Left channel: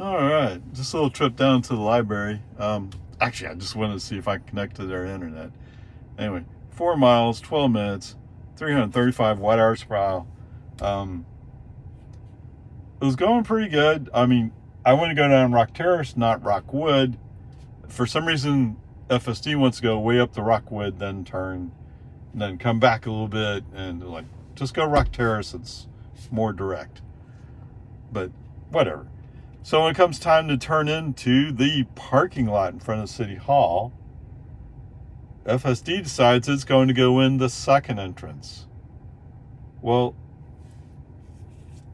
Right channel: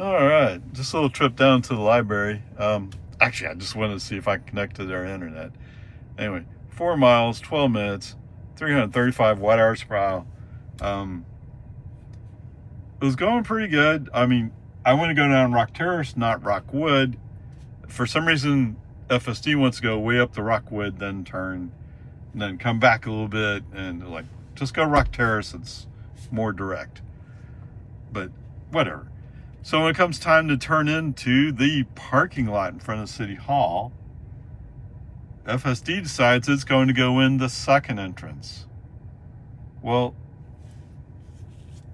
All right, just a little trip down to the library. Actually, I just wanted to see if I could connect to their internet. Anyway, 4 miles, 12 minutes, 335 watt hours per mile. Um, it was going pretty good. I mean, I want to go down Rock Terrace, not Rockwood. For some reason, FSD wants to go way up the Rockwood, then turn, and then come back a little bit, and like, just go Rock Terrace. It's more direct. But whatever. So when it comes time to turn into the parking lot in front of City Hall, FSD decides it's going to go in the second entrance. Well,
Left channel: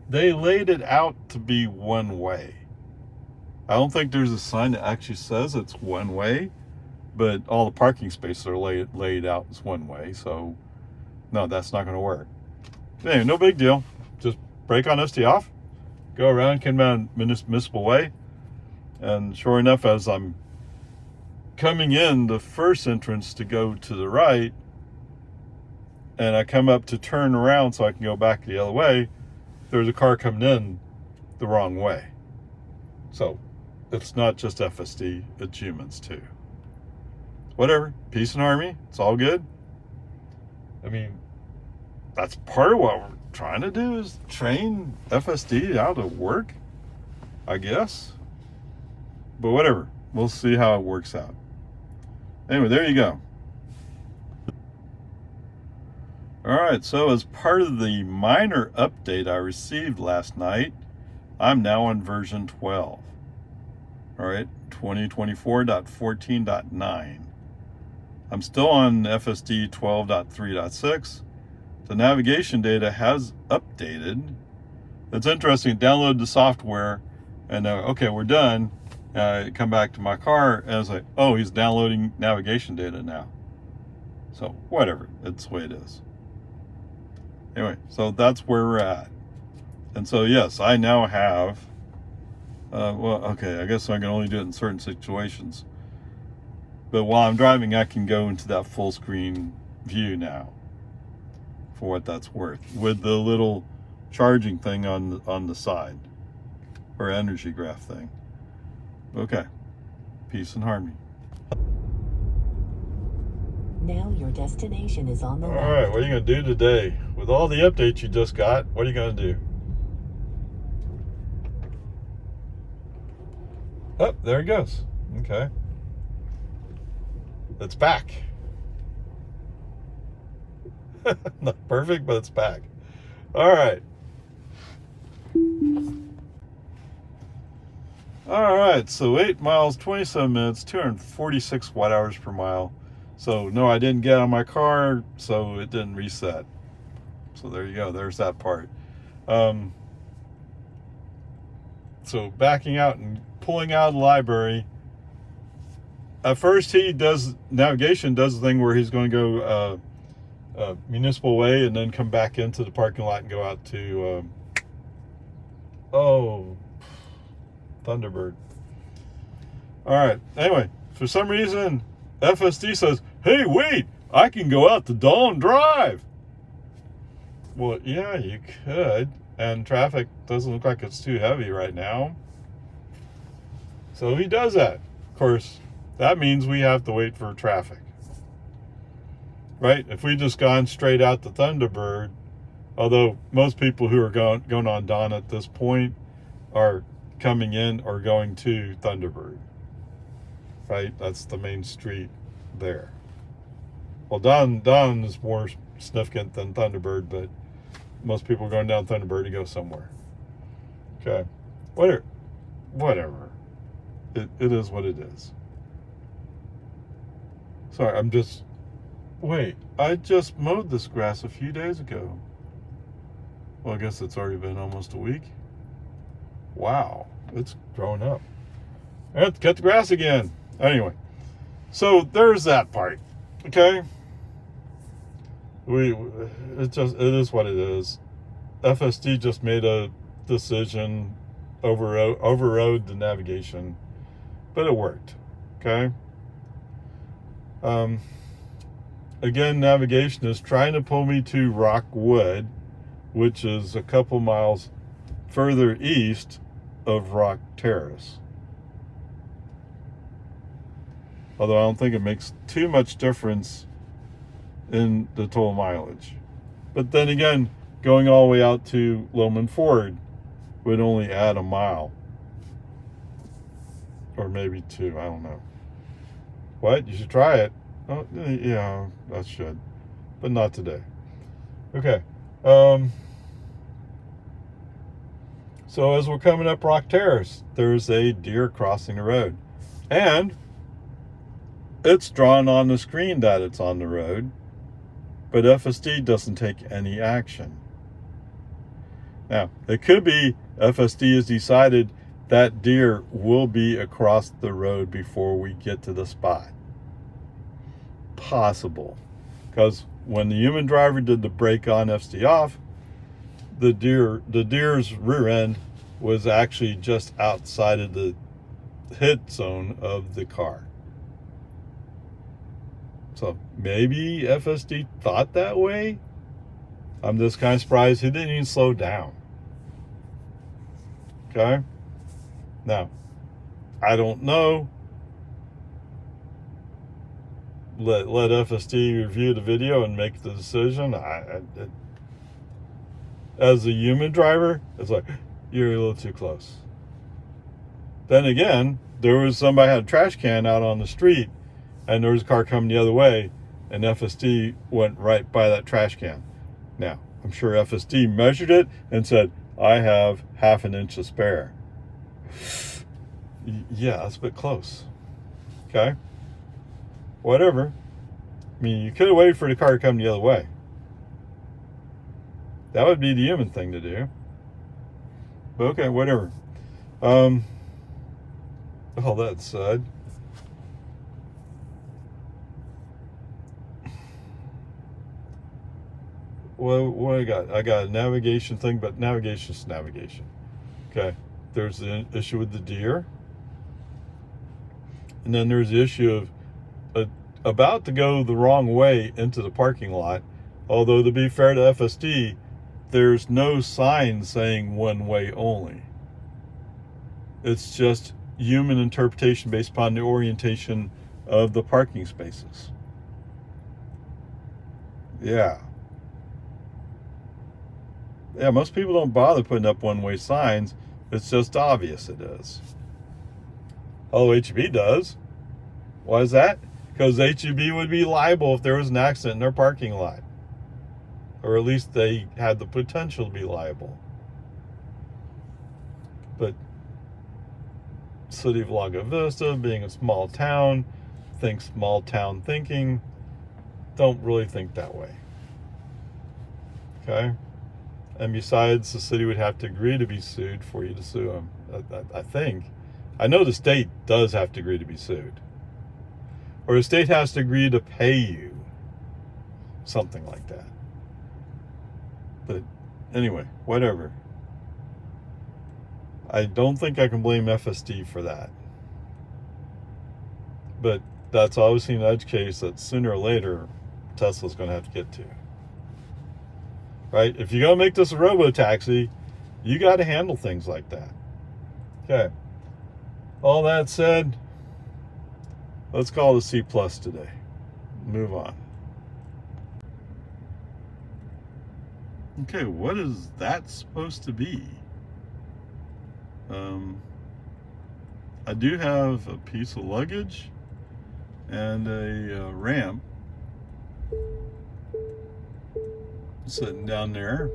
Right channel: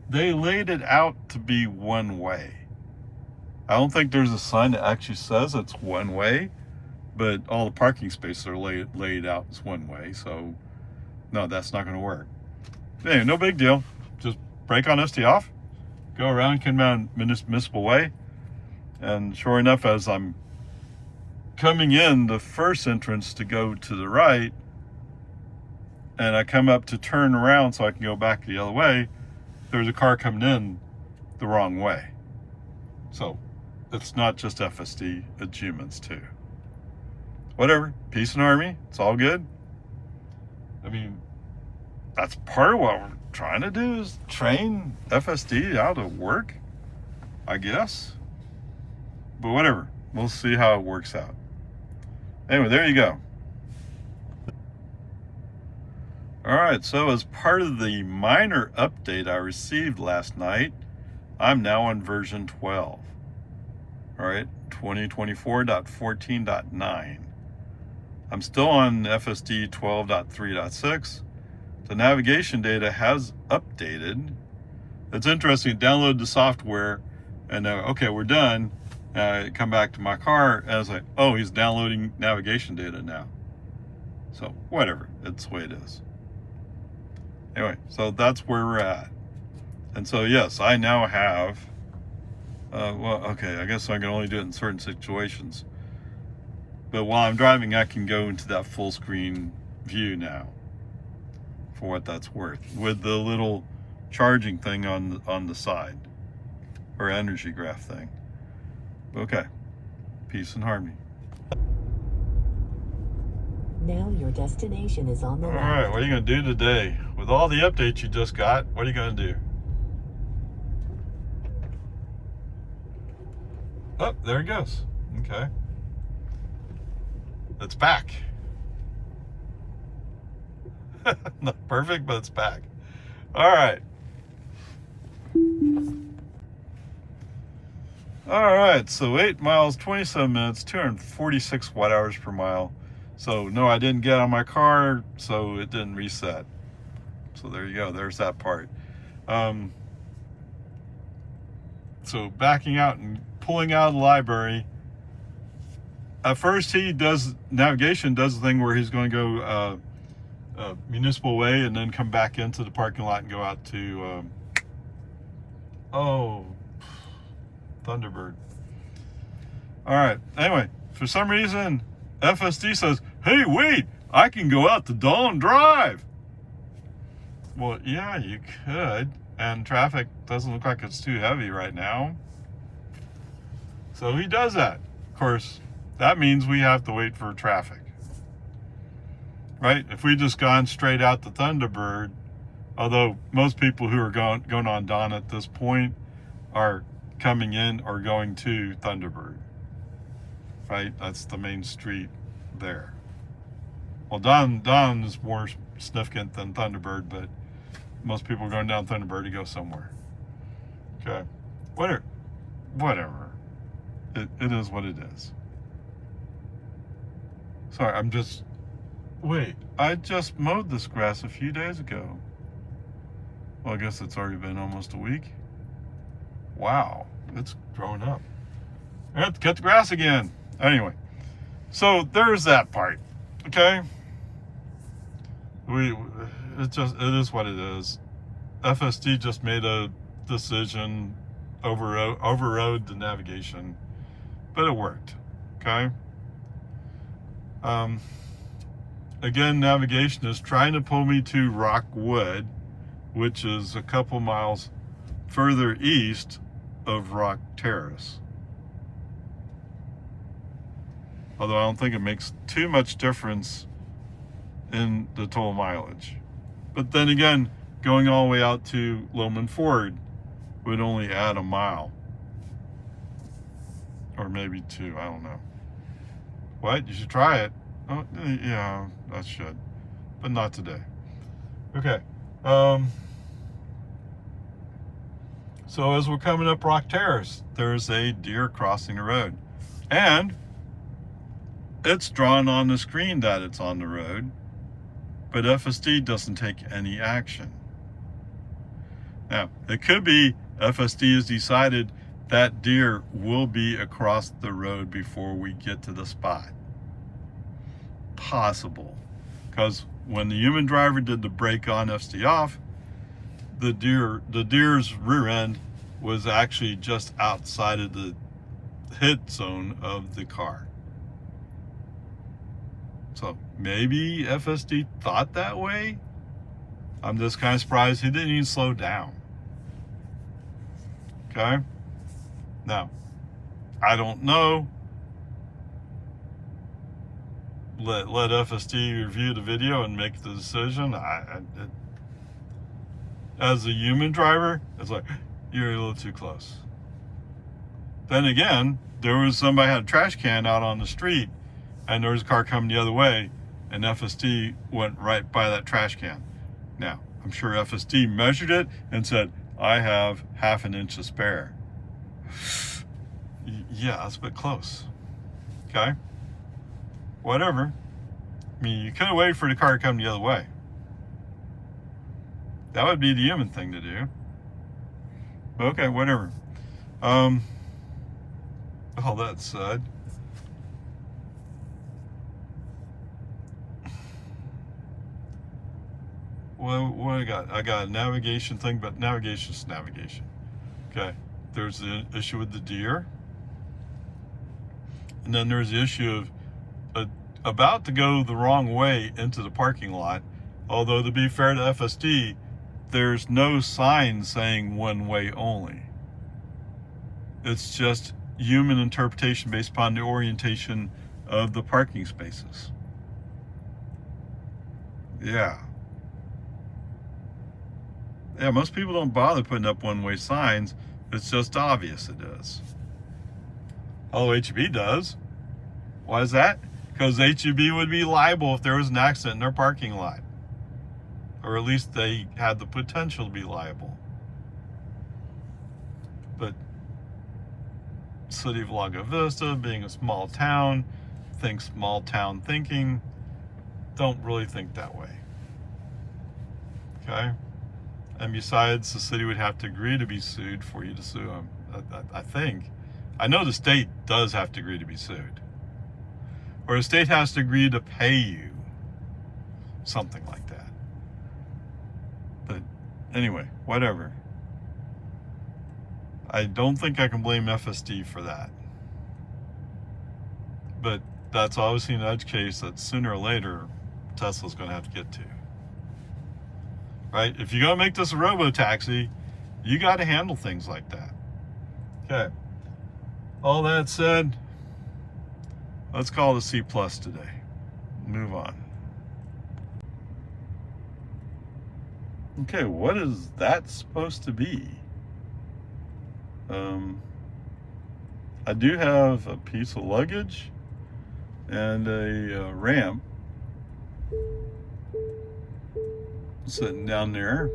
they laid it out to be one way. I don't think there's a sign that actually says it's one way, but all the parking spaces are laid out as one way, so no, that's not going to work. Anyway, no big deal. Just brake on ST off, go around, come down Municipal Way, and sure enough, as I'm coming in the first entrance to go to the right, and I come up to turn around so I can go back the other way, there's a car coming in the wrong way. So it's not just FSD, it's humans too. Whatever, peace and harmony, it's all good. I mean, that's part of what we're trying to do, is train FSD out of work, I guess. But whatever, we'll see how it works out. Anyway, there you go. All right, so as part of the minor update I received last night, I'm now on version 12. All right, 2024.14.9. I'm still on FSD 12.3.6. The navigation data has updated. It's interesting, download the software, and okay, we're done. Come back to my car, and it's like, oh, he's downloading navigation data now. So whatever, it's the way it is. Anyway, so that's where we're at. And so yes, I now have, well, okay, I guess I can only do it in certain situations. But while I'm driving, I can go into that full screen view now, for what that's worth, with the little charging thing on the side, or energy graph thing. Okay, peace and harmony. Now your destination is on the left. All right, what are you going to do today? With all the updates you just got, what are you going to do? Oh, there it goes. Okay. It's back. Not perfect, but it's back. All right. All right, so 8 miles, 27 minutes, 246 watt hours per mile. So no, I didn't get out of my car, so it didn't reset. So there you go, there's that part. So backing out and pulling out of the library. At first navigation does the thing where he's going to go Municipal Way and then come back into the parking lot and go out to, Thunderbird. All right, anyway, for some reason, FSD says, hey, wait, I can go out to Dawn Drive. Well, yeah, you could, and traffic doesn't look like it's too heavy right now. So he does that. Of course, that means we have to wait for traffic. Right? If we just gone straight out to Thunderbird, although most people who are going on Dawn at this point are coming in or going to Thunderbird. Right? That's the main street there. Well, Dawn is more significant than Thunderbird, but most people are going down Thunderbird to go somewhere. Okay. Whatever. It is what it is. Sorry, wait, I just mowed this grass a few days ago. Well, I guess it's already been almost a week. Wow, it's grown up. I have to cut the grass again. Anyway, so there's that part. Okay. It is what it is. FSD just made a decision, overrode the navigation, but it worked. Okay. Again, navigation is trying to pull me to Rockwood, which is a couple miles further east of Rock Terrace. Although I don't think it makes too much difference in the total mileage. But then again, going all the way out to Loman Ford would only add a mile. Or maybe 2, I don't know. What? You should try it. Oh, yeah, I should. But not today. Okay. So as we're coming up Rock Terrace, there's a deer crossing the road. And it's drawn on the screen that it's on the road, but FSD doesn't take any action. Now, it could be FSD has decided that deer will be across the road before we get to the spot. Possible. Because when the human driver did the brake on FSD off, the deer's rear end was actually just outside of the hit zone of the car. So maybe FSD thought that way. I'm just kind of surprised he didn't even slow down. Okay? Now, I don't know. Let FSD review the video and make the decision. As a human driver, it's like, you're a little too close. Then again, there was somebody had a trash can out on the street, and there was a car coming the other way, and FSD went right by that trash can. Now, I'm sure FSD measured it and said, I have half an inch to spare. Yeah, that's a bit close. Okay? Whatever. I mean, you could have waited for the car to come the other way. That would be the human thing to do. But okay, whatever. All that said, well, what I got? I got a navigation thing, but navigation's navigation. Okay, there's the issue with the deer, and then there's the issue of about to go the wrong way into the parking lot. Although, to be fair to FSD, there's no sign saying one way only. It's just human interpretation based upon the orientation of the parking spaces. Yeah, most people don't bother putting up one-way signs. It's just obvious it is. Although HEB does. Why is that? Because HEB would be liable if there was an accident in their parking lot. Or at least they had the potential to be liable. But City of Lago Vista, being a small town, think small town thinking, don't really think that way. Okay? And besides, the city would have to agree to be sued for you to sue them. I think. I know the state does have to agree to be sued. Or the state has to agree to pay you. Something like that. But anyway, whatever. I don't think I can blame FSD for that. But that's obviously an edge case that sooner or later Tesla's going to have to get to. Right? If you're going to make this a robo-taxi, you got to handle things like that. Okay. All that said, let's call it a C+ today. Move on. Okay, what is that supposed to be? I do have a piece of luggage and a ramp sitting down there.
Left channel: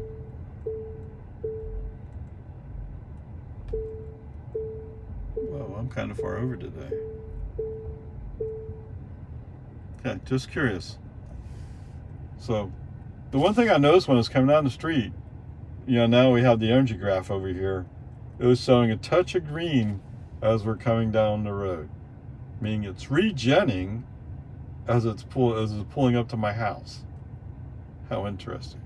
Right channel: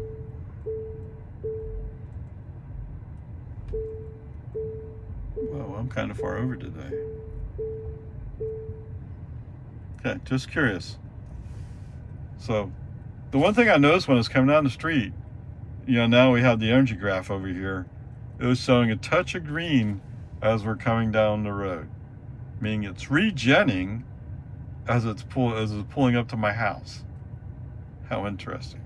Well, I'm kind of far over today. Okay, just curious. So, the one thing I noticed when I was coming down the street, now we have the energy graph over here. It was showing a touch of green as we're coming down the road, meaning it's regenning as it's pulling up to my house. How interesting.